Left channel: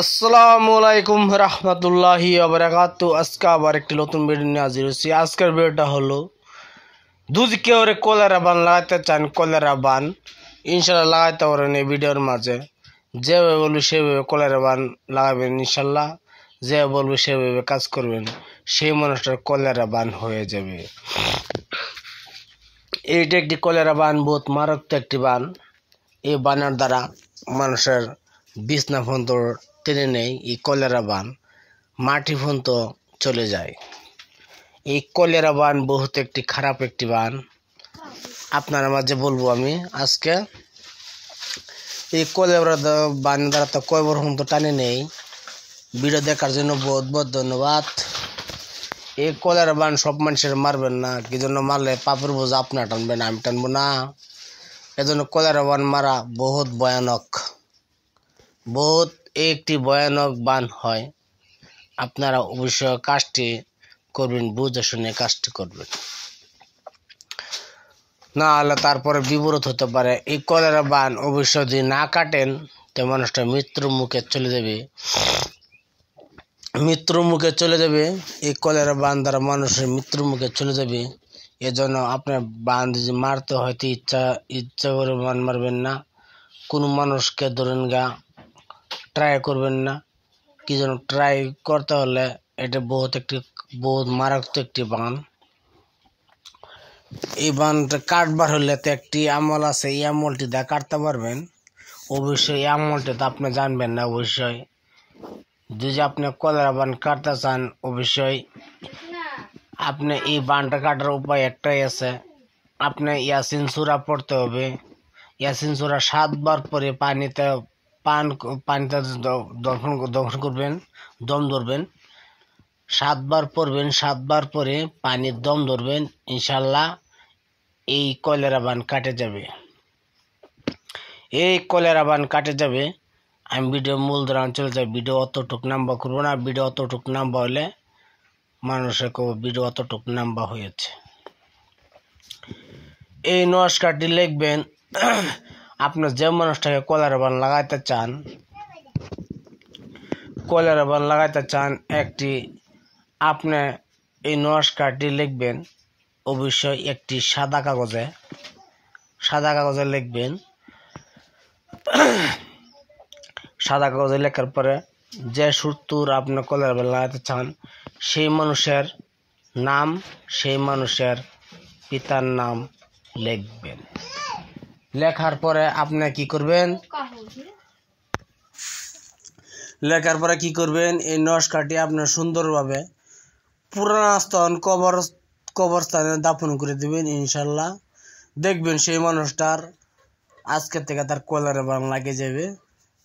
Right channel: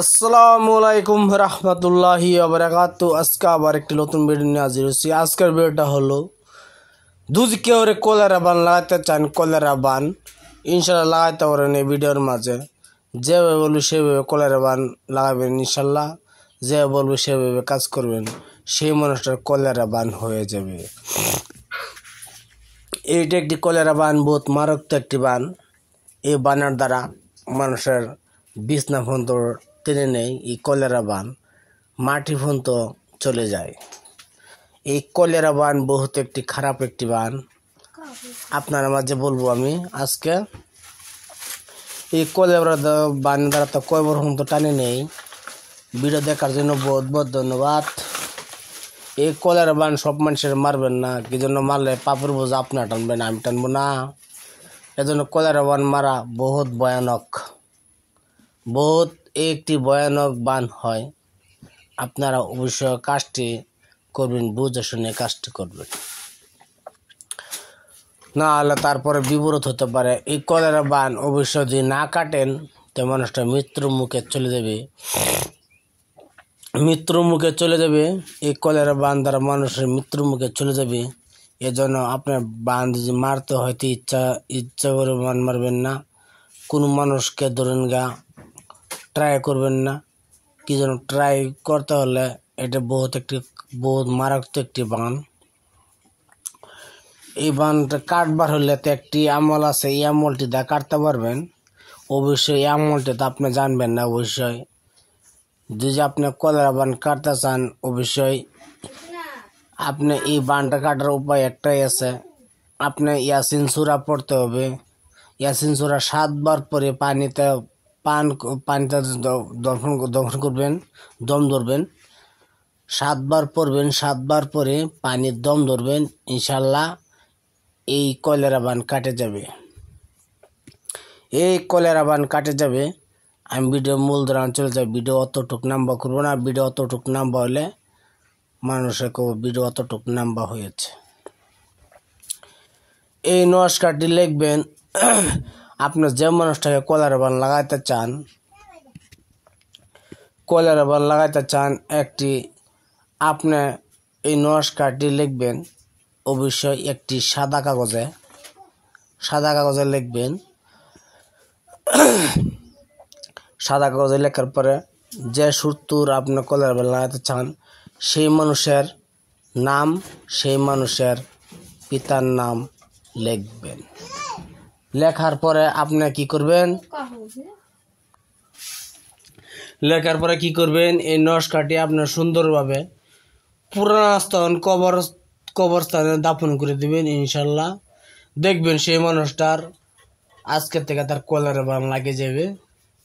আসসালামু আলাইকুম রহমতুল্লাহি ওয়া বারাকাতু। আজকে আবার একটি নতুন ভিডিও নিয়ে হাজির হয়েছি। আজকের ভিডিওটা হলো যদি কেউ কলেরা বান লাগাতে চান, কলেরা বান ইনশাল্লাহ লাগাইতে পারেন। এই ভিডিওর মাঝে যেভাবে বলবে সেভাবে কলেরা বান লাগাবেন ইনশাল্লাহ। যে বলবে সেভাবে কাজ করবেন, সেই মানুষটার কলেরা বান হয়ে যাবে। এইটা একটি কলেরা বান, বহুত মারাত্মক একটি বান। এই বানের দ্বারা মানুষের বিছনা পর্যন্ত টেনে নেই। এই কলেরা বান মাটি পর্যন্ত চলে যায়। এই কলেরা বান বহুত একটি খারাপ একটি বান। আপনার মাঝে বলবো আমি আজকে এই কলেরা বান দ্বারা তো কয়বার পর্যন্ত টানে নেই। ভিডিও দেখার জন্য বহুত বহুত ধন্যবাদ। এই কলেরা বান সব মানুষের মারবেন না, কি জন্য মারলে পাপের বোঝা আপনার টানবেন, আমি টানবো না। এজন্য কলেরা বান মারা বহুত ভয়ানক, বহুত একটি ভয়ানক বান হয়। আপনারা অবশ্যই কাজটি করবেন, বুঝে শুনে কাজটি করবেন, না হলে তারপরে বিপরীত হতে পারে। এই কলেরা বান অবশ্যই যদি না কাটেন তো মানুষটা মৃত্যুর মুখে চলে যাবে, মৃত্যুর মুখে চলে যাবে। এই কলেরা বান দ্বারা মানুষের মৃত্যুর মুখে চলে যাবে। এজন্য আপনার বান যদি মারতে হয়তো ইচ্ছা করে বান মারবেন না। কোনো মানুষকে ধরেন ট্রাই করবেন না, কি জন্য ট্রাই করতে হলে এটা বহুত মারাত্মক একটি বান। এই বানটা কাটবার হলে তো একটি আমল আছে, এই আমলটি দা কাটতে পারবেন। অবশ্যই এই আমলটি তো আপনি জানবেন না। অবশ্যই যদি আপনি কলেরা বান কাটতে চান, অবশ্যই আপনি এই বানটা কাটার উপায় একটাই আছে। আপনি ইয়াসিন সূরা পড়তে হবে। ইয়াসিন সূরা 7 বার পরে পানিতে দমন করবেন, দম ধরবেন। 7 বার পড়বেন, 7 বার পরে পানির দম ধরবেন। ইনশাল্লাহ এই কলেরা বান কাটে যাবে, এই কলেরা বান কাটে যাবে। আমি ভিডিও মূল ধরান চলে যাই। ভিডিও অতটুক নাম্বা করবো না। ভিডিও অতটুক নাম্বা হলে মানুষের ভিডিও অতটুক নাম্বা হয়েছে। এই নমস্কারটি লিখবেন। আপনি যে মানুষটাকে কলেরা বান লাগাইতে চান, কলেরা বান লাগাইতে চান একটি, আপনি এই নমস্কারটি লিখবেন। অবশ্যই একটি সাদা কাগজে লিখবেন। সাদা কাগজে লেখার পরে যে সূত্র আপনি কলেরা বান লাগাইতে চান সেই মানুষের নাম, সেই মানুষের পিতার নাম লিখবেন। লেখার পরে আপনি কি করবেন, লেখার পরে কি করবেন, এই নমস্কারটি আপনার সুন্দরভাবে পুরাতন কবরস্থানে দাফন করে দিবেন। ইনশাল্লাহ দেখবেন সেই মানুষটার আজকের থেকে তার কলেরা বান লাগে যাবে।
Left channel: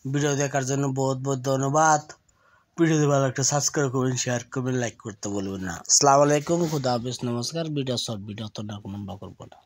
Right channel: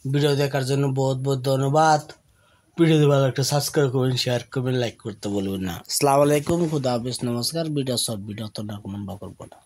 ভিডিও দেখার জন্য বহুত বহুত ধন্যবাদ। ভিডিও ভালো একটা সাবস্ক্রাইব করবেন, শেয়ার করবেন, লাইক করতে বলবেন না। আসসালামু আলাইকুম, খুদা হাফেজ, নমস্কার। ভিডিও শর্ট ভিডিও তো না করবো না।